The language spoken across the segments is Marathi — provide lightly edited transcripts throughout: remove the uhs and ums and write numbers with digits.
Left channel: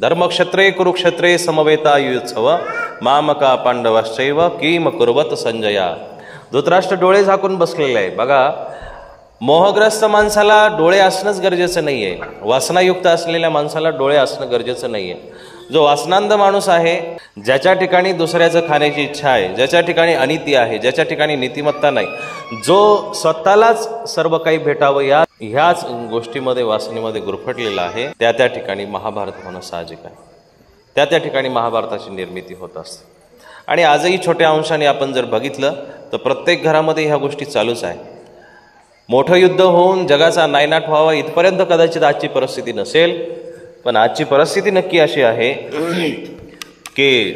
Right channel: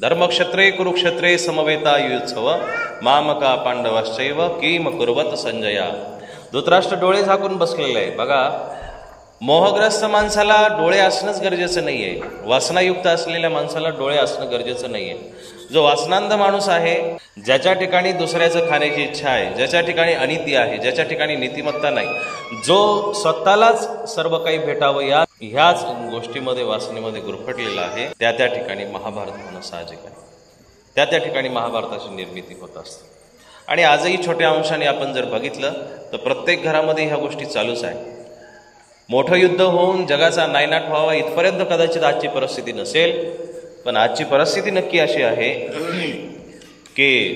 धर्मक्षेत्रे कुरुक्षेत्रे समवेतायुत्सव मामका पांडवाश्चैव किम कुर्वत संजया। धृतराष्ट्र डोळे झाकून बसलेले आहे। बघा, मोहग्रस्त माणसाला डोळे असणंच गरजेचं नाहीये, वासनायुक्त असलेल्या माणसाला डोळे असणं गरजेचं नाहीये। जो वासनांध माणूस आहे, ज्याच्या ठिकाणी दुसऱ्याचं खाण्याची इच्छा आहे, ज्याच्या ठिकाणी अनिती आहे, ज्याच्या ठिकाणी नीतिमत्ता नाही, जो स्वतःलाच सर्व काही भेटावं ह्याच गोष्टीमध्ये वासनेमध्ये गुरफटलेला आहे, त्या ठिकाणी महाभारत होणं साहजिक आहे। त्या ठिकाणी महाभारताची निर्मिती होत असते। आणि आजही छोट्या अंशाने आपण जर बघितलं तर प्रत्येक घरामध्ये ह्या गोष्टी चालूच आहे। मोठं युद्ध होऊन जगाचा नायनाट व्हावा इथपर्यंत कदाचित आजची परिस्थिती नसेल, पण आजची परिस्थिती नक्की अशी आहे की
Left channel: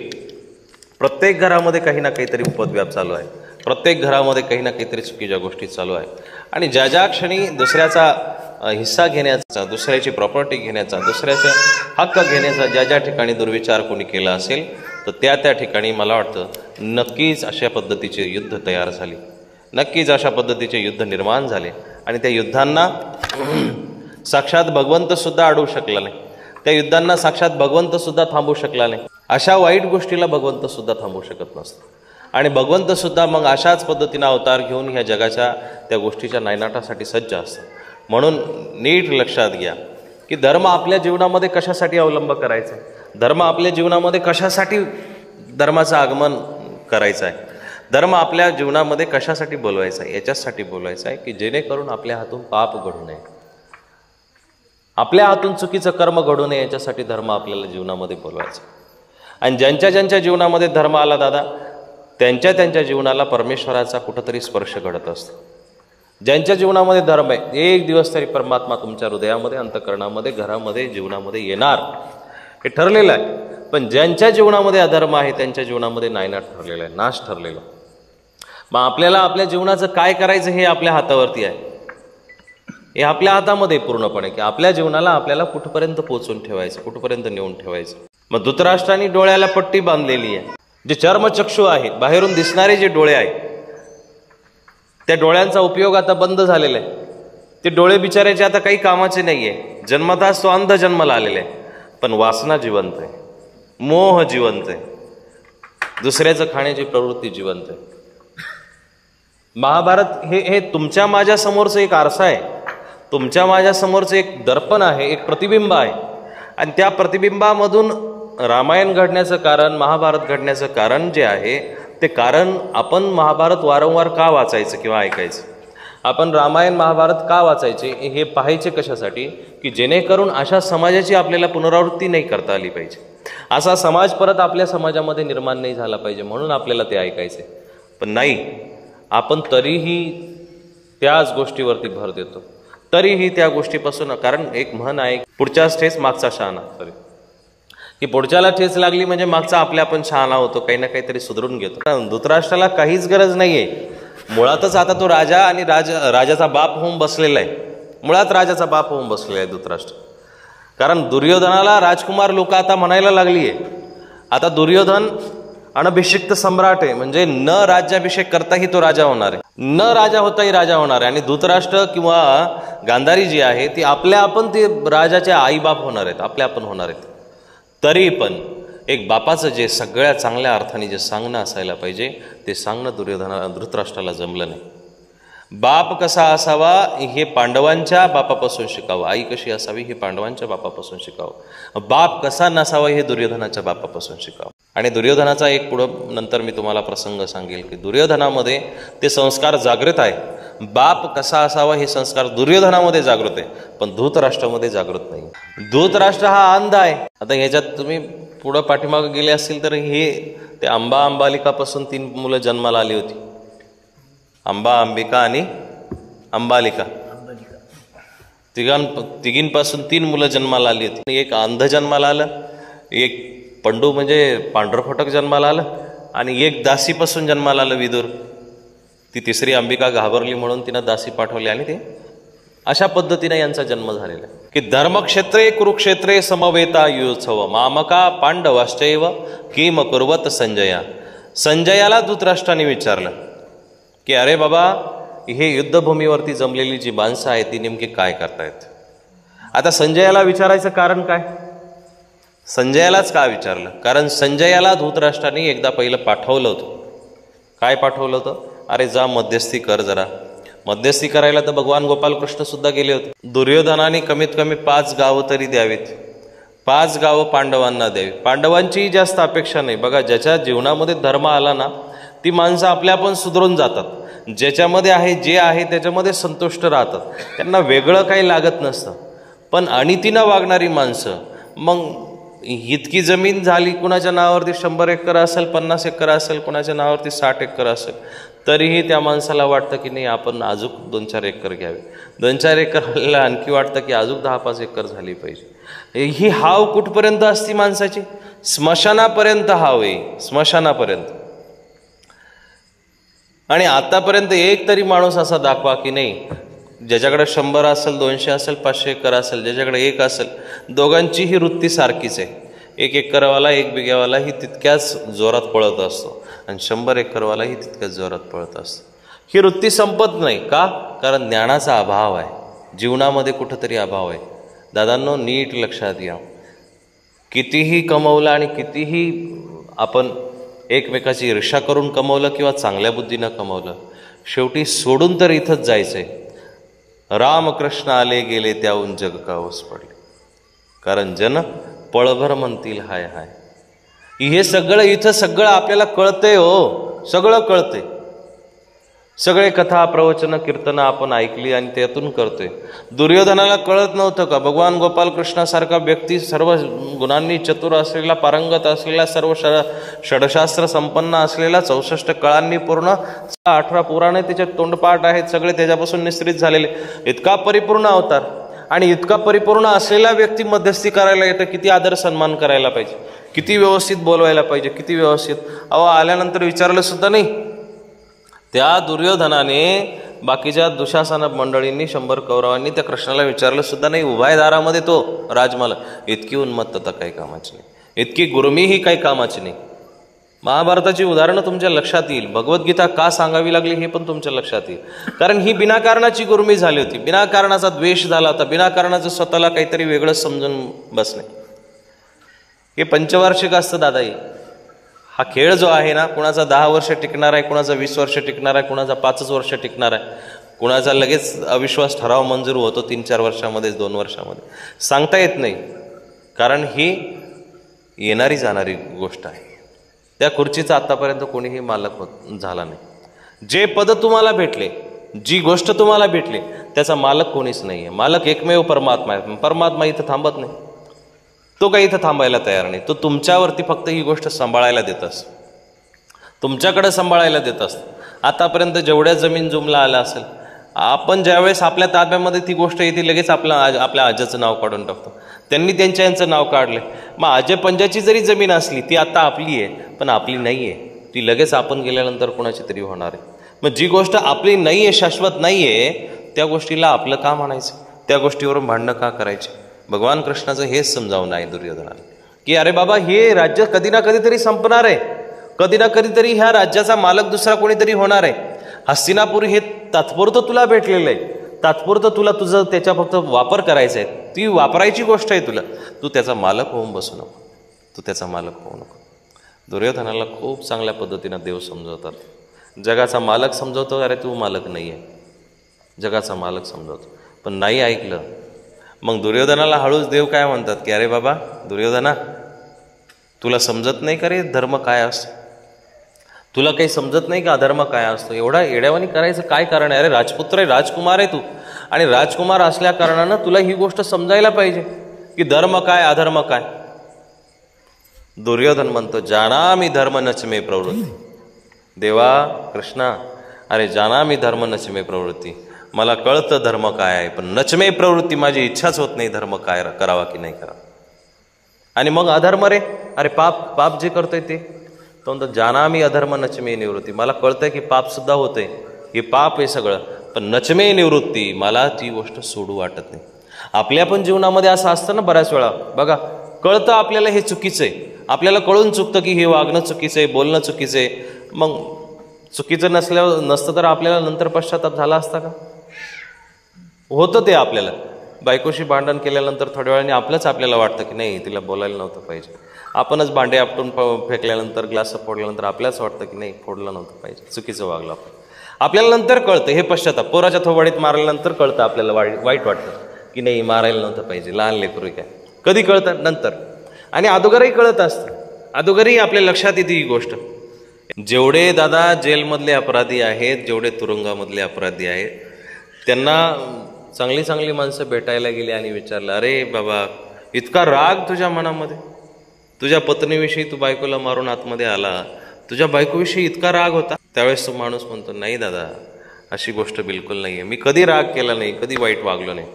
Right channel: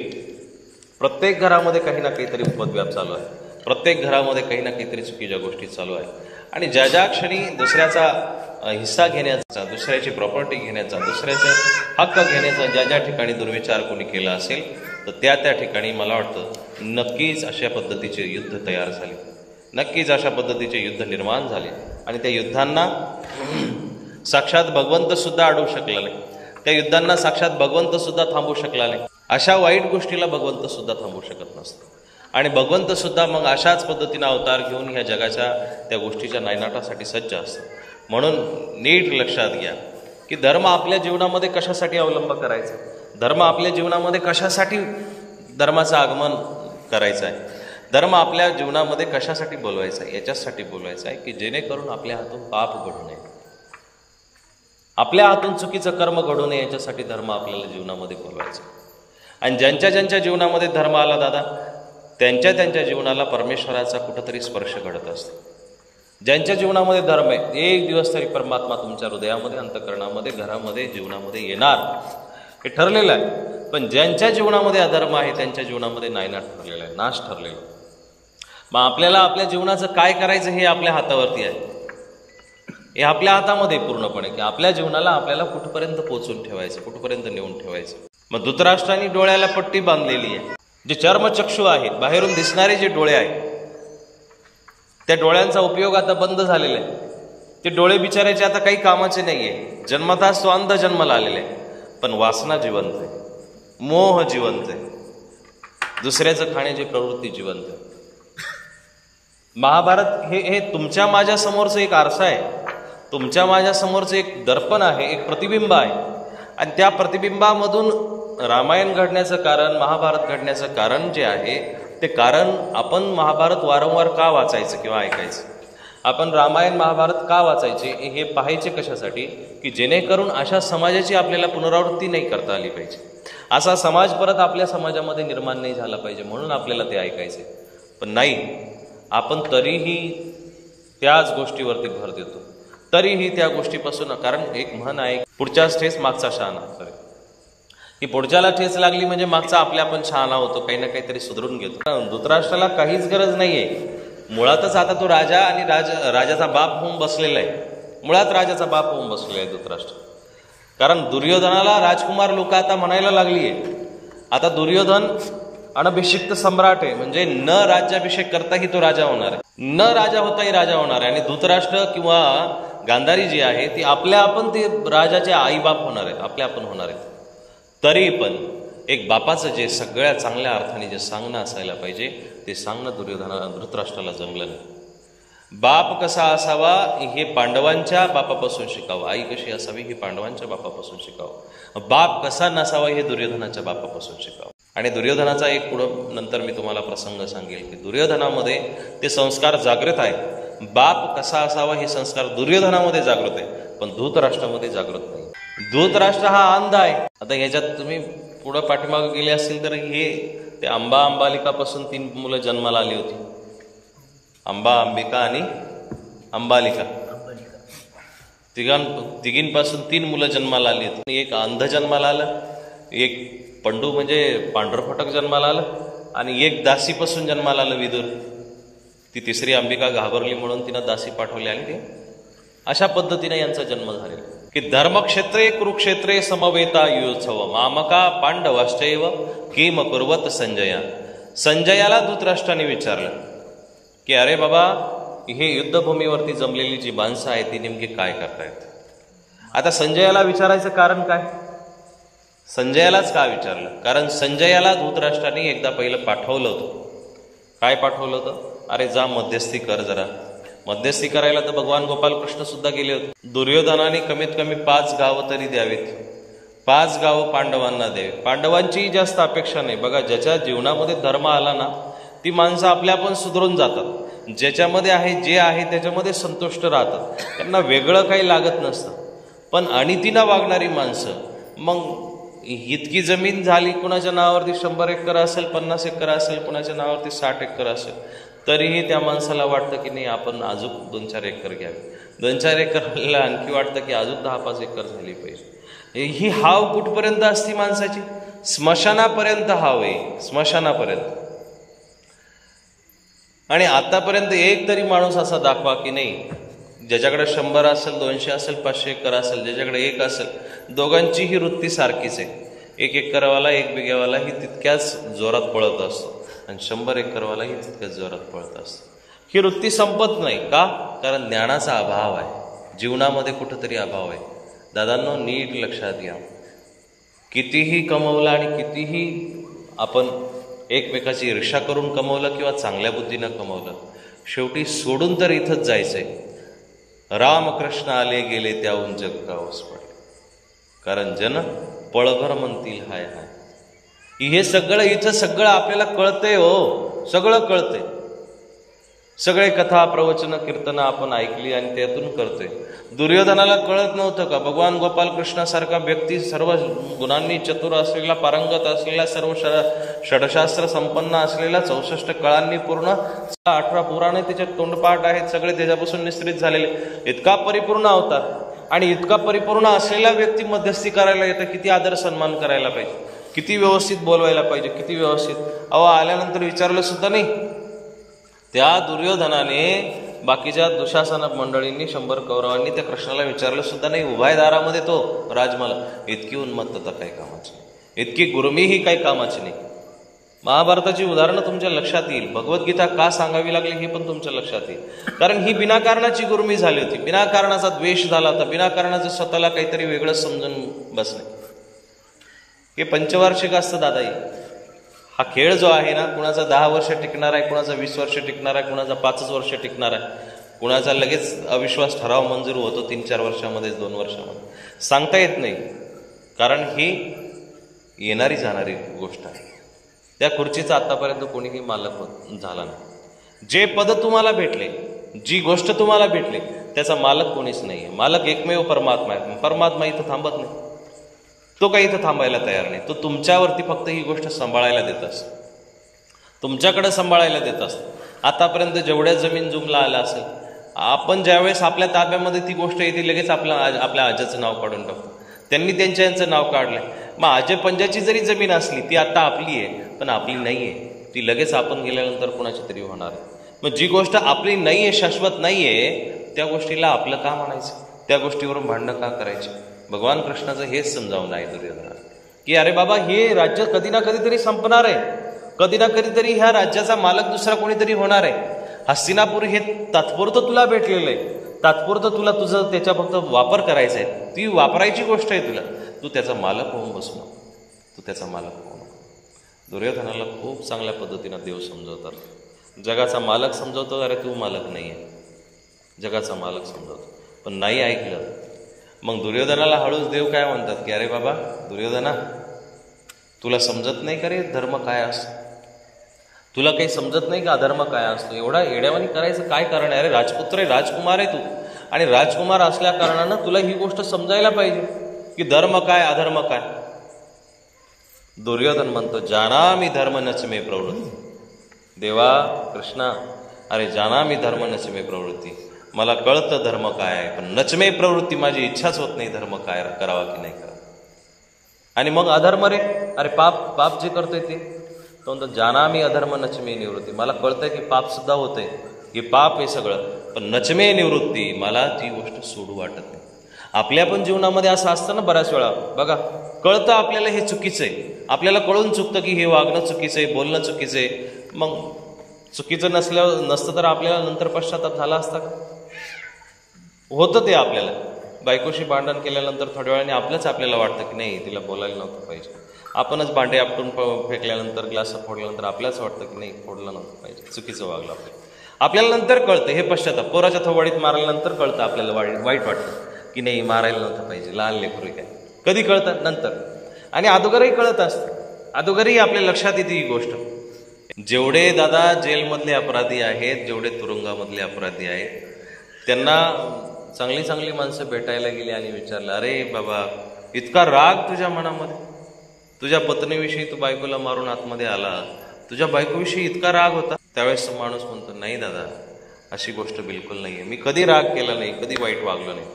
प्रत्येक घरामध्ये काही ना काहीतरी उपद्व्याप चालू आहे, प्रत्येक घरामध्ये काही ना काहीतरी चुकीच्या गोष्टी चालू आहे। आणि ज्या क्षणी दुसऱ्याचा हिस्सा घेण्याचा, दुसऱ्याची प्रॉपर्टी घेण्याचा, दुसऱ्याचे हक्क घेण्याचा ज्या ठिकाणी दुर्विचार कोणी केला असेल तर त्या ठिकाणी मला वाटतं नक्कीच अशा पद्धतीचे युद्ध तयार झाले, नक्कीच अशा पद्धतीचे युद्ध निर्माण झाले। आणि त्या युद्धांना साक्षात भगवंत सुद्धा अडवू शकला नाही, त्या युद्धांना साक्षात भगवंत सुद्धा थांबवू शकला नाही। अशा वाईट गोष्टीला भगवंत सुद्धा थांबवू शकत नसतो। आणि भगवंत सुद्धा मग अशाच पद्धतीने अवतार घेऊन ह्या जगाच्या त्या गोष्टीच्या नायनाटासाठी सज्ज असतो। म्हणून नीट लक्षात घ्या की धर्म आपल्या जीवनामध्ये कशासाठी अवलंब करायचा, धर्म आपल्या जीवनामध्ये कशासाठी धर्माचं आगमन करायचं आहे, धर्म आपल्या जीवनामध्ये कशासाठी बोलवायचा आहे, याच्यासाठी बोलवायचा आहे की जेणेकरून आपल्या हातून पाप घडू नये, आपल्या हातून चुकीचं कर्म घडू नये, याच्यासाठी धर्म आपल्याला जीवनामध्ये बोलवायचा। आणि ज्यांच्या जीवनामध्ये धर्म आला दादा, त्यांच्या जीवनाला परमेश्वराचा कुठंतरी स्पर्श घडत असतो। ज्यांच्या जीवनामध्ये धर्म आहे, एक दिवस तरी परमात्मा तुमच्या हृदयामध्ये, अंतःकरणामध्ये, घरामध्ये, जीवनामध्ये येणार, हे ठरलेलं आहे। पण ज्यांच्या जीवनामध्ये अधर्म आहे त्यांच्या जीवनामध्ये नायनाट ठरलेला आहे, नाश ठरलेला आहे। मग आपल्याला आपल्या जीवनाचं काय करायचं हे आपल्या हातावरती आहे, हे आपल्या हातामध्ये पूर्णपणे की आपल्या जीवनाला आपल्याला कुठपर्यंत पोहोचून ठेवायचं, कुठपर्यंत नेऊन ठेवायचं। मग धृतराष्ट्राने डोळ्याला पट्टी बांधलेली आहे। जे चर्मचक्षु आहे, बाहेरून दिसणारे जे डोळे आहेत, त्या डोळ्यांचा उपयोग आता बंद झालेला आहे। ते डोळे बिचारायचे आता काही कामाचे नाहीये। जन्मताच तो अंध जन्माला आलेला आहे, पण वासना जिवंत आहे, मोह जिवंत आहे, दुसऱ्याचं खाण्याची प्रवृत्ती जिवंत आहे। महाभारत हे तुमच्या माझ्या समोरचं एक आरसा आहे, तुमच्या माझ्या समोरचं एक दर्पण आहे, एक प्रतिबिंब आहे। आणि त्या प्रतिबिंबामधून रामायण घडण्याचं कारण, महाभारत घडण्याचं कारण जे आहे, ते कारण आपण महाभारत वारंवार का वाचायचं किंवा ऐकायचं, आपण रामायण महाभारत का वाचायचे हे पाहायचे कशासाठी, की जेणेकरून अशा समाजाची आपल्याला पुनरावृत्ती नाही करता आली पाहिजे, असा समाज परत आपल्या समाजामध्ये निर्माण नाही झाला पाहिजे, म्हणून आपल्याला ते ऐकायचे। पण नाही, आपण तरीही त्याच गोष्टीवरती भर देतो, तरीही त्या गोष्टीपासून, कारण एक म्हण आहे, पुढच्याच ठेच मागचा शहाणा, की पुढच्याला ठेच लागली म्हणजे मागचा आपल्या आपण शहाणा होतो, काही ना काहीतरी सुधरून घेतो। धृतराष्ट्राला काहीच गरज नाहीये, मुळातच आता तो राजा आणि राजाचा बाप होऊन बसलेला आहे, मुळात राजाचा बाप होऊन बसलेला आहे धृतराष्ट्र। कारण दुर्योधनाला राजकुमार लोक आता म्हणायला लागलीये, आता दुर्योधन अनभिषिक्त सम्राट आहे, म्हणजे न राज्याभिषेक करताही तो राजा होणार आहे, न राजा होताही राजा होणार आहे। आणि धृतराष्ट्र किंवा गांधारी जी आहे ती आपल्या आपण ते राजाच्या आईबाप होणार आहेत, आपल्या आपण होणार आहेत। तरी पण एक बापाचं जे सगळ्या चांगल्या अर्थाने जे सांगणं असायला पाहिजे ते सांगणं धृतराष्ट्राला जमलं नाही। बाप कसा असावा हे पांडवांच्या बापापासून शिकावं, आई कशी असावी हे पांडवांच्या बापापासून शिकावं, बाप कसा नसावा हे दुर्योधनाच्या बापापासून शिकावं। आणि दुर्योधनाचा एक पुढं नंतर मी तुम्हाला प्रसंग सांगेल की दुर्योधनामध्ये ते संस्कार जागृत आहे। बाप कसा असावा हे संस्कार दुर्योधनामध्ये जागृत आहे, पण धृतराष्ट्रामध्ये जागृत नाही। धृतराष्ट्र हा अंध आहे। आता ह्याच्यात तुम्ही पुढं पाठीमागे गेले असतील तर हे ते अंबालिकापासून 3 मुलं जन्माला आली होती, अंबिका आणि अंबालिका, तिघींपासून 3 मुलं जन्माला आली होती। एक अंध जन्माला आलं, एक पंडू म्हणजे पांढरफटक जन्माला आलं, आणि एक दासीपासून जन्माला आलं विदुर। ती तिसरी अंबिका घाबरली म्हणून तिनं दासी पाठवली, आणि ते अशा पद्धतीने यांचा जन्म झालेला आहे की धर्मक्षेत्रे कुरुक्षेत्रे समवेतायुत्सव मामका पांडवाश्चैव किम कुर्वत संजया। संजयाला धृतराष्ट्राने विचारलं की अरे बाबा, हे युद्धभूमीवरती जमलेली जी माणसं आहेत ती नेमकी काय करतायत। आता संजयाला विचारायचं कारण काय, संजयालाच का विचारलं? कारण संजयाला धृतराष्ट्राने एकदा पहिलं पाठवलं होतं. काय पाठवलं होतं? अरे जा मध्यस्थी कर जरा. मध्यस्थी करायला तर भगवान गोपालकृष्ण सुद्धा गेले होते. दुर्योधनाने कमीत कमी 5 गावं तरी द्यावीत. 5 गावं पांडवांना द्यावी. पांडवांचीही जास्त अपेक्षा नाही. बघा, ज्याच्या जीवनामध्ये धर्म आला ना, ती माणसं आपल्या आपण सुधरून जातात. ज्याच्यामध्ये आहे, जे आहे त्याच्यामध्ये संतुष्ट राहतात. त्यांना वेगळं काही लागत नसतं. पण अनितीनं वागणारी माणसं, मग इतकी जमीन झाली, कुणाच्या नावावरती 100 एकर असेल, 50 एकर असेल, कुणाच्या नावावरती 60 एकर असेल, तरीही त्या माणसाला वाटतं की नाही आपण अजून 2-4 एकर घ्यावे. 2-4 एकर आणखी वाटतं की अजून 10-5 एकर झाली पाहिजे. ही हाव कुठपर्यंत असती माणसाची? स्मशानापर्यंत हाव आहे, स्मशानापर्यंत. आणि आतापर्यंत एक तरी माणूस असा दाखवा की नाही ज्याच्याकडे 100 असेल, 200 असेल, 500 एकर असेल, ज्याच्याकडे 1 असेल, दोघांचीही वृत्ती सारखीच आहे. 1 एकरवाला 1 बिघ्यावालाही तितक्याच जोरात पळत असतो आणि 100 एकरवालाही तितक्याच जोरात पळत असतो. ही वृत्ती संपत नाही. का? कारण ज्ञानाचा अभाव आहे, जीवनामध्ये कुठंतरी अभाव आहे. दादांनो, नीट लक्षात घ्या. कितीही कमवलं आणि कितीही आपण एकमेकाची ईर्ष्या करून कमवलं किंवा चांगल्या बुद्धीनं कमवलं, शेवटी सोडून तर इथंच जायचंय. रामकृष्ण आले गेले त्याहून जग काऊस पडले. कारण जन पळभर म्हणतील हाय हाय. हे सगळं इथं सगळं आपल्याला कळतंय हो, सगळं कळतंय. सगळे कथा, प्रवचन, कीर्तनं आपण ऐकली आणि त्यातून करतोय. दुर्योधनाला कळत नव्हतं का? भगवान गोपालकृष्णासारखा व्यक्ती, सर्व गुणांनी चतुर असलेला, पारंगत असलेला, सर्व षडशास्त्र संपन्न असलेला, 64 कळांनी पूर्ण, 18 पुराणे त्याच्यात तोंडपाठ आहेत, सगळे त्याच्यापासून निश्चित झालेले, इतका परिपूर्ण अवतार. आणि इतका परिपूर्ण असलेला व्यक्ती मध्यस्थी करायला येतं, किती आदर सन्मान करायला पाहिजे, किती व्यवस्थित बोलवायला पाहिजे, किती व्यवस्थित. आल्यानंतर विचारलं सुद्धा नाही. त्या दुर्योधनाने बाकीच्या दुशासन मंडळींनी 100 कौरवांनी त्या कृष्णाला विचारलं सुद्धा नाही. उभा दारामध्ये तो राजमाला. इतकी उन्मत्तता काही कामाची नाही, इतकी गुरमी ही काही कामाची नाही. महाभारताची उदाहरणं तुमच्या लक्षात येईल. भगवद्गीता का सांगावी लागली हे पण तुमच्या लक्षात येईल. कारण ही बिनाकारणाची गुरमी झाली होती, बिनाकारणाचा द्वेष झाला होता, बिनाकारणाचं स्वतःला काहीतरी वेगळं समजून बसणे. हे पंचवार्षिक असतं दादा. हा खेळ जो आहे ना, कुणाचा 10 वर्ष टिकणार आहे, कुणाचा 20 वर्ष टिकणार आहे, कुणाचा 5 वर्ष टिकणार आहे, कुणाचा लगेच अविश्वास ठराव मंजूर होतो 3-4 वर्षामध्येच, 2 वर्षामध्ये, सांगता येत नाही. कारण ही येणारी जाणारी गोष्ट आहे. त्या खुर्चीचा आतापर्यंत कोणीही मालक झाला नाही. जे पद तुम्हाला भेटले, जी गोष्ट तुम्हाला भेटली, त्याचा मालक कोणीच नाहीये. मालक एकमेव परमात्मा आहे. परमात्मा इथं थांबत नाही, तो काही इथं थांबायला तयार नाही. तो तुमच्यावरती फक्त ही गोष्ट सांभाळायला देत असतो, तुमच्याकडे सांभाळायला देत असतो. आतापर्यंत जेवढ्या जमीन जुमला आला असेल, आपण ज्यावेळेस आपल्या ताब्यामध्ये ती गोष्ट येते, लगेच आपल्या आजाचं नाव काढून टाकतो. त्यांनी यांचं नाव काढलं. मग आजे पंजाची जरी जमीन असली, ती आता आपली आहे, पण आपली नाही आहे. ती लगेच आपण गेल्यानंतर कोणाची तरी होणार आहे. मग जी गोष्ट आपली नाही आहे, शाश्वत नाही आहे, त्या गोष्टीला आपलं का म्हणायचं? त्या गोष्टीवरून भांडणं का करायचे? भगवान कृष्णाचं हेच समजावून आहे दुर्योधनाला, की अरे बाबा, हे राज्य कधी ना कधीतरी संपणार आहे, कधी ना कधीतरी ह्या राज्याचा मालक दुसरा कोणीतरी होणार आहे. हस्तिनापूर हे तात्पुरतं तुला भेटलेलं आहे, तात्पुरतं तुला तुझं त्याचा फक्त वापर करायचा आहे, ती वापरायची गोष्ट आहे तुला. तू त्याचा मालक होऊन बसू नको, तू त्याचा मालक होऊ नको. दुर्योधनाला खूप चांगल्या पद्धतीनं देव समजवतात. जगाचा मालक समजवतो, अरे तू मालक नाही आहे, जगाचा मालक समजवतो. पण नाही ऐकलं. मग दुर्योधनाला हळूच देव काय म्हणतात, की अरे बाबा दुर्योधना, तुला समजत नाही का रे धर्म काय असतो? तुला काही समजत नाही का अधर्म काय असतो? एवढा येड्यावानी करायचं काय कारण आहे? अरे राजपुत्र आहे, राजकुमार आहे तू, आणि राजकुमार असल्या कारणानं तुला ही गोष्ट समजायला पाहिजे की धर्म काय, अधर्म काय. दुर्योधन म्हणतो, जानामि धर्म नच मे प्रवृत्ती. देवा कृष्णा, अरे जानामि धर्म नच मे प्रवृत्ती, मला कळतं धर्म काय आहे, पण नचमे प्रवृत्ती, माझी इच्छाच होत नाही धर्म काय करावा की नाही करावा. आणि मग अधर्म रे, अरे पाप जे करतोय ते, तो म्हणतो जानामी अधर्म नचमे निवृत्ती. मला कळतंय की पाप सुद्धा होतंय, हे पाप आहे सगळं, पण नचमे निवृत्ती, मला ती गोष्ट सोडू वाटत नाही. आपल्या पण जीवनामध्ये असं असतं ना बऱ्याच वेळा. बघा, कळतं आपल्याला हे चुकीचं आहे, आपल्याला कळून चुकतं की हे वागणं चुकीचं आहे, बोलणं चुकीचं आहे. मग चुकीचं नसतं तर आपल्याला नंतर पश्चाताप झाला असता का? होतं ते आपल्याला. बायकोशी भांडण केल्यानंतर थोड्या वेळाने आपल्याला वाटतं की नाही तिला बोलायला नव्हतं पाहिजे. आपणच भांडे आपटून फेकल्यानंतर ग्लास फोडल्यानंतर आपल्याच वाटतं की नाही फोडलं नव्हतं पाहिजे, चुकीचं वागलं आपल्याला नंतर कळतं हे पश्चाताप. पोराच्या थोबाडीत मारल्यानंतर कळतं आपल्याला वाईट वाटतं की नाही मारायला नव्हतं पाहिजे, लहान लेकरू काय. कधी कळतं? नंतर. आणि अगोदरही कळत असतं, अगोदरही आपल्या लक्षात येते ही गोष्ट. जेवढे दादा जेलमधले अपराधी आहेत, जेवढे तुरुंगामधले अपराधी आहेत, त्यांना चांगली चांगली माणसं भेटायला गेली आणि विचारलं, अरे बाबा इतका राग तुझ्या मनामध्ये, तुझ्या पत्नीविषयी तू बायकोला मारून आतमध्ये आला, तुझ्या बायकोविषयी इतका राग होता? त्यावेळेस तो माणूस म्हणतो, नाही दादा अशी गोष्ट बिलकुल नाहीये, मी कधी राग केला नाही, कधी वाईट वागलो नाही.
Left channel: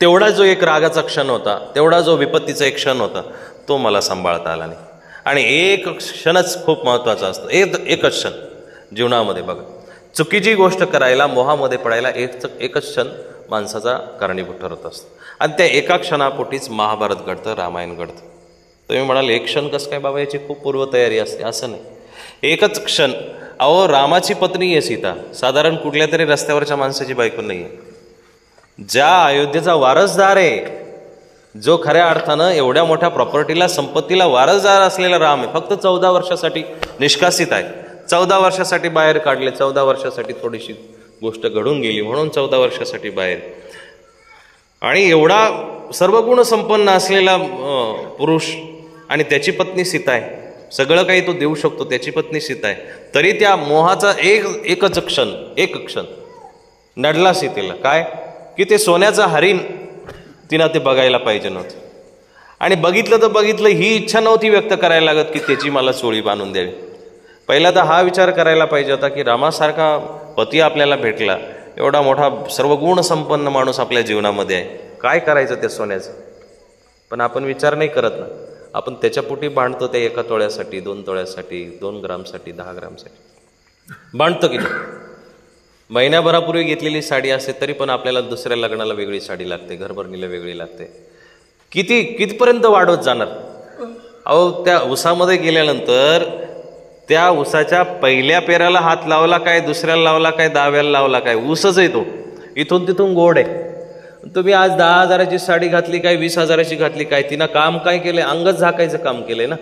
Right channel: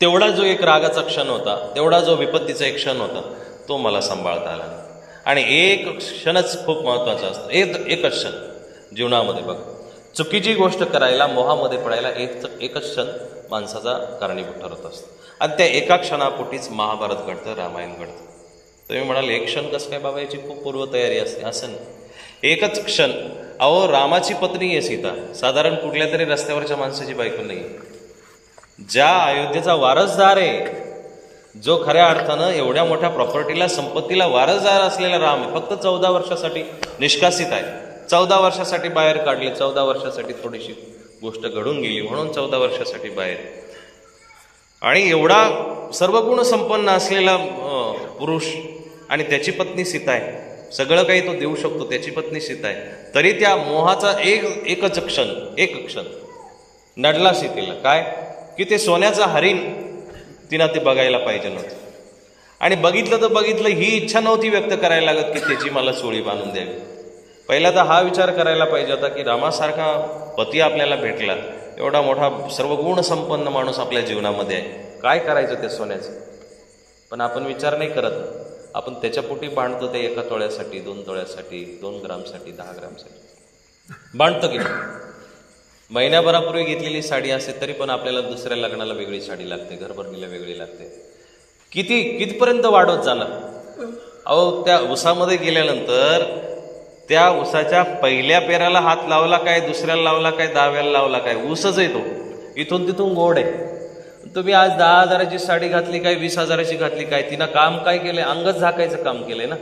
तेवढा जो एक रागाचा क्षण होता, तेवढा जो विपत्तीचा एक क्षण होता, तो मला सांभाळता आला नाही. आणि एक क्षणच खूप महत्वाचा असतो, एकच क्षण जीवनामध्ये. बघा, चुकीची गोष्ट करायला, मोहामध्ये पडायला एकच क्षण माणसाचा कारणीभूत ठरत असतो. आणि त्या एका क्षणापोटीच महाभारत घडतं, रामायण घडतं. तुम्ही म्हणाल एक क्षण कसं काय बाबा, याची खूप पूर्वतयारी असते. असं नाही, एकच क्षण. अहो, रामाची पत्नी आहे सीता, साधारण कुठल्या तरी रस्त्यावरच्या माणसाची बायको नाही. ज्या अयोध्येचा वारसदार आहे, जो खऱ्या अर्थानं एवढ्या मोठ्या प्रॉपर्टीला, संपत्तीला वारसदार असलेला राम आहे, फक्त 14 वर्षासाठी निष्कासित आहे. 14 वर्षासाठी बाहेर काढले, 14 वर्षासाठी थोडीशी गोष्ट घडून गेली म्हणून 14 वर्षासाठी बाहेर. आणि एवढा सर्व गुण संपन्न असलेला पुरुष आणि त्याची पत्नी सीता आहे, सगळं काही तो देऊ शकतो, त्याची पत्नी सीता आहे, तरी त्या मोहाचा एकच क्षण नडला सीतेला. काय की ते सोन्याचं हरिण तिनं ते बघायला पाहिजे नव्हतं. आणि बघितलं तर बघितलं, ही इच्छा नव्हती व्यक्त करायला लागत की त्याची मला चोळी बांधून द्यावी. पहिला तर हा विचार करायला पाहिजे होता की रामासारखा पती आपल्याला भेटला, एवढा मोठा सर्व गुण संपन्न माणूस आपल्या जीवनामध्ये आहे, काय करायचं त्या सोन्याचं. पण आपण विचार नाही करत ना, आपण त्याच्या पोटी बांधतो, ते 1 तोळ्यासाठी, 2 तोळ्यासाठी, 2 ग्रामसाठी, 10 ग्रामसाठी बांधतो की नाही. महिन्याभरापूर्वी घेतलेली साडी असते तरी पण आपल्याला दुसऱ्या लग्नाला वेगळी साडी लागते, घरभरणीला वेगळी लागते. कितीपर्यंत वाढवत जाणार. अहो, त्या उसामध्ये गेल्यानंतर त्या उसाच्या पहिल्या पेराला हात लावला काय, दुसऱ्याला लावला काय, 10व्याला लावला काय, ऊसच आहे तो, इथून तिथून गोड आहे. तुम्ही आज 10,000ची साडी घातली काय, 20,000ची घातली काय, तिनं काम काय केलंय, अंगच झाकायचं काम केलंय ना.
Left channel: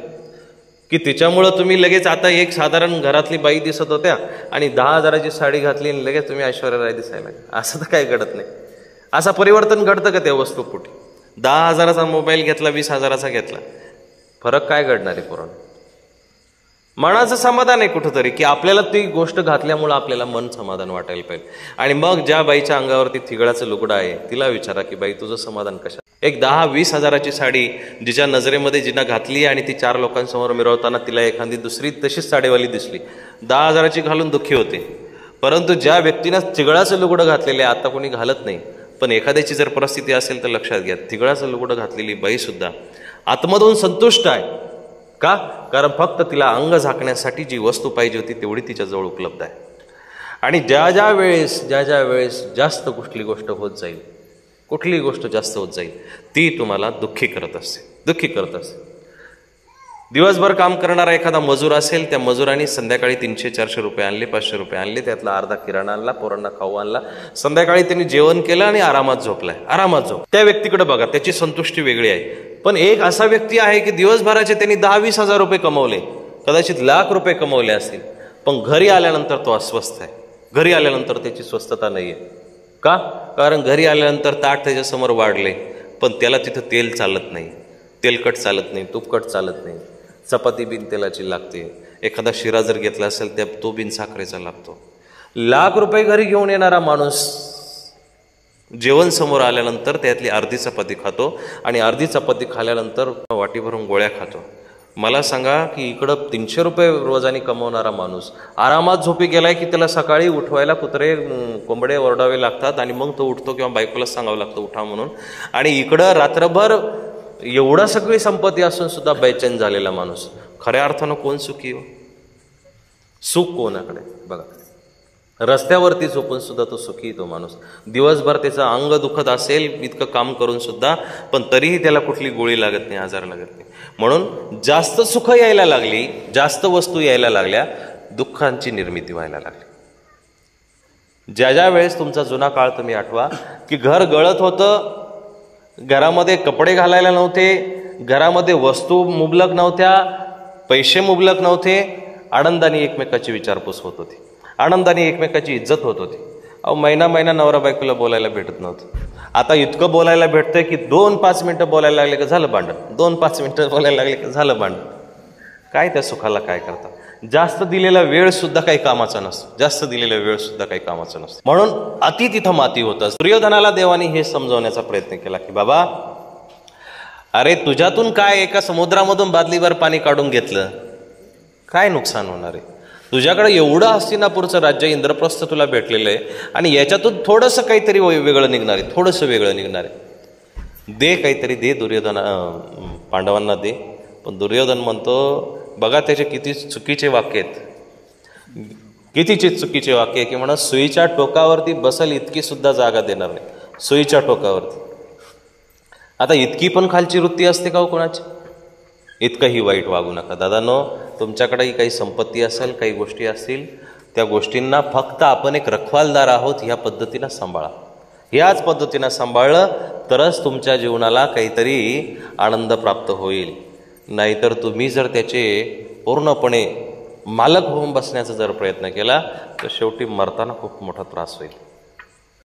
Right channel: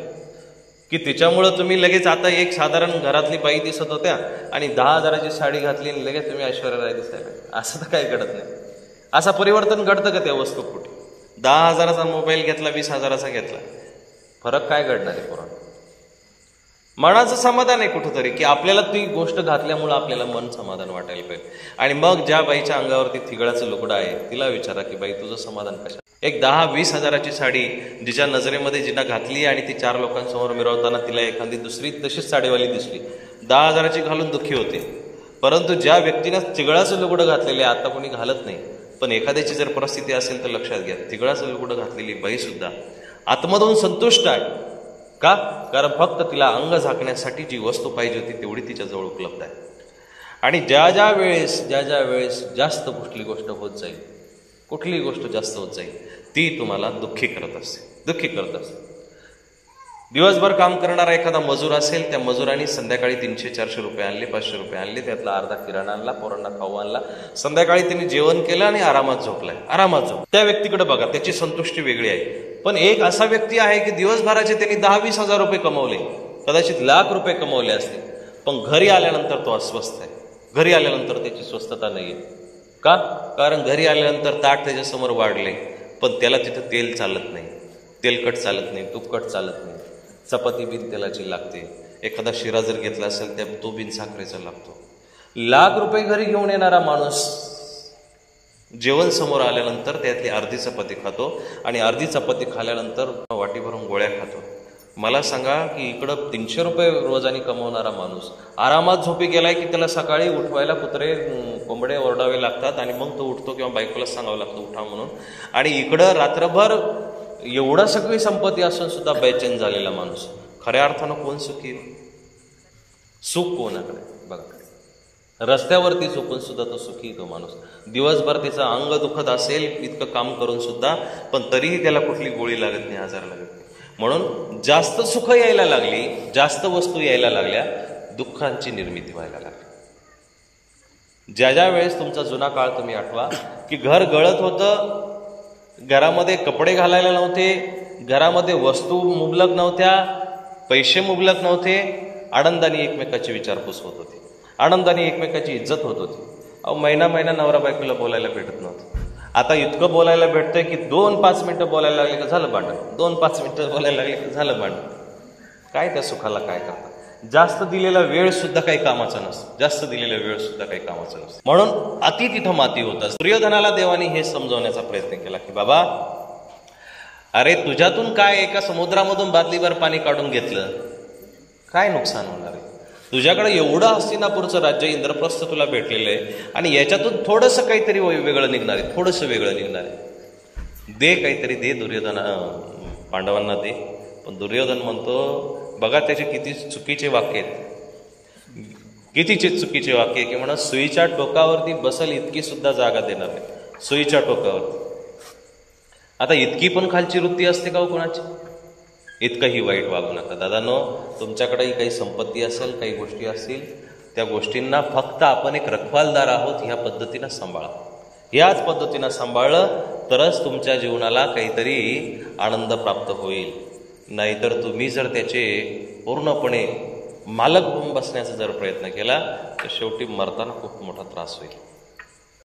की तिच्यामुळं तुम्ही लगेच आता एक साधारण घरातली बाई दिसत होत्या आणि 10,000ची साडी घातली आणि लगेच तुम्ही ऐश्वर्या राय दिसायला, असं तर काही घडत नाही. असं परिवर्तन घडतं का त्या वस्तूपुटी? 10,000चा मोबाईल घेतला, 20,000चा घेतला, फरक काय घडणार आहे पोरांनो? मनाचं समाधान आहे कुठंतरी, की आपल्याला ती गोष्ट घातल्यामुळं आपल्याला मन समाधान वाटायला पाहिजे. आणि मग ज्या बाईच्या अंगावरती थिगळाचं लुगडं आहे तिला विचारा की बाई तुझं समाधान कशा. एक 10-20,000ची साडी जिच्या नजरेमध्ये जिनं घातली आणि ती 4 लोकांसमोर मिरवताना तिला एखादी दुसरी तशीच साडीवाली दिसली, 10,000ची घालून दुःखी होते. परंतु ज्या व्यक्तीनं थिगळाचं लुगडं घातलेले आता कोणी घालत नाही, पण एखाद्याची जर परिस्थिती असेल तर लक्षात घ्या, थिगळाचं लुगडं घातलेली बाई सुद्धा आतमधून संतुष्ट आहे. का? कारण फक्त तिला अंग झाकण्यासाठी जी वस्तू पाहिजे होती तेवढी तिच्याजवळ उपलब्ध आहे. आणि ज्या ज्या वेळेस जास्त कुठली गोष्ट होत जाईल, कुठली गोष्ट जास्त होत जाईल, ती तुम्हाला दुःखी करत असते. दिवसभर काम करणारा एखादा मजूर असेल, त्या मजुरांनी संध्याकाळी 300-400 रुपये आणले, 500 रुपये आणले, त्यातला अर्धा किराणा आणला, पोरांना खाऊ आणला, संध्याकाळी त्यांनी जेवण केलं आणि आरामात झोपलाय. त्या व्यक्तीकडे बघा, त्याची संतुष्टी वेगळी आहे. पण एक असा व्यक्ती आहे की दिवसभराचे त्यांनी 10-20,000 रुपये कमवले, कदाचित लाख रुपये कमवले असतील, पण घरी आल्यानंतर तो अस्वस्थ आहे. घरी आल्यानंतर त्याची स्वस्थता नाहीये. का? कारण घरी आल्यानंतर ताट त्याच्यासमोर वाढले, पण त्याला तिथं तेल चालत नाही, तेलकट चालत नाही, तुपकट चालत नाही, चपाती बिन तेलाची लागते, एखादा शिरा जर घेतला असेल त्या तो बिन साखरेचा लागतो. लाख रुपये घरी घेऊन येणारा माणूस जेवण समोर आल्यानंतर त्यातली अर्धी चपाती खातो आणि अर्धी चपाती खाल्यानंतर वाटी भरून गोळ्या खातो. मला सांगा की इकडं 300 रुपये रोजाने कमवणारा माणूस आरामात झोपी गेलाय की त्याला सकाळी उठवायला कुत्रे कोंबडे ओरडावे लागतात आणि मग तो उठतो किंवा बायकोला सांगावं लागतं उठा म्हणून. आणि इकडं रात्रभर एवढा सगळी संपत्ती असून सुद्धा बेचैन झालेला माणूस, खऱ्या अर्थानं कोण सुखी हो? सुख कोणाकडे? बघा, रस्त्यावरती झोपून सुद्धा तो सुखी तो माणूस. दिवसभर त्याचं अंग दुखत असेल इतकं काम करून सुद्धा, पण तरीही त्याला कुठली गोळी लागत नाही, आजार लागत नाही. म्हणून जास्त सुख यायला लागली, जास्त वस्तू यायला लागल्या, दुःखांची निर्मिती व्हायला लागली. ज्या ज्या वेळेस तुमचा जुना काळ तुम्ही आठवा की घर गळत होतं घरामध्ये कपडे घालायला नव्हते, घरामध्ये वस्तू मुबलक नव्हत्या, पैसे मुबलक नव्हते, आनंदाने एकमेकाची विचारपूस होत होती, आनंदाने एकमेकाची इज्जत होत होती. अहो महिना महिना नवरा बायकोला बोलायला भेटत नव्हतं. आता इतकं बोलायला भेटतंय की 2-5 मिनिटं बोलायला लागले का झालं भांडण, 2-5 मिनिटं बोलायला लागले का झालं भांडण. काय त्या सुखाला काय करता. जास्त दिलेला वेळ सुद्धा काही कामाचा नसतो, जास्त दिलेला वेळ सुद्धा काही कामाचा नसतो. म्हणून अति तिथं माती होतं. दुर्योधनाला देवाने हे समजवण्याचा प्रयत्न केला की बाबा, अरे तुझ्यातून काय एका समुद्रामधून बादलीभर पाणी काढून घेतलं, काय नुकसान होणार आहे. तुझ्याकडे एवढं हस्तिनापूरचं राज्य इंद्रप्रस्थ तुला भेटलेलं आहे आणि याच्यातून थोडंसं काहीतरी वेगळं निघणार आहे, थोडंसं वेगळं निघणार आहे. दे काहीतरी दे पांडवांना दे. पण दुर्योधन म्हणतो, बघा त्याचे किती चुकीचे वाक्य आहेत, किती चुकीचे वाक्य आहे की म्हणा सुईच्या टोकावरती बसल इतकी सुद्धा जागा देणार नाही, सुईच्या टोकावरती. आता इतकी पण खालची वृत्ती असते का हो कोणाची. इतकंही वाईट वागू नका दादांनो. तुमच्याकडेही काही संपत्ती असेल, काही गोष्टी असतील, त्या गोष्टींना फक्त आपण एक रखवालदार आहोत ह्या पद्धतीनं सांभाळा. याच पद्धतीनं सांभाळलं तरच तुमच्या जीवनाला काहीतरी आनंद प्राप्त होईल. नाहीतर तुम्ही जर त्याचे पूर्णपणे मालक होऊन बसण्याचा जर प्रयत्न केला तर शेवटी मरताना खूप मोठा त्रास होईल.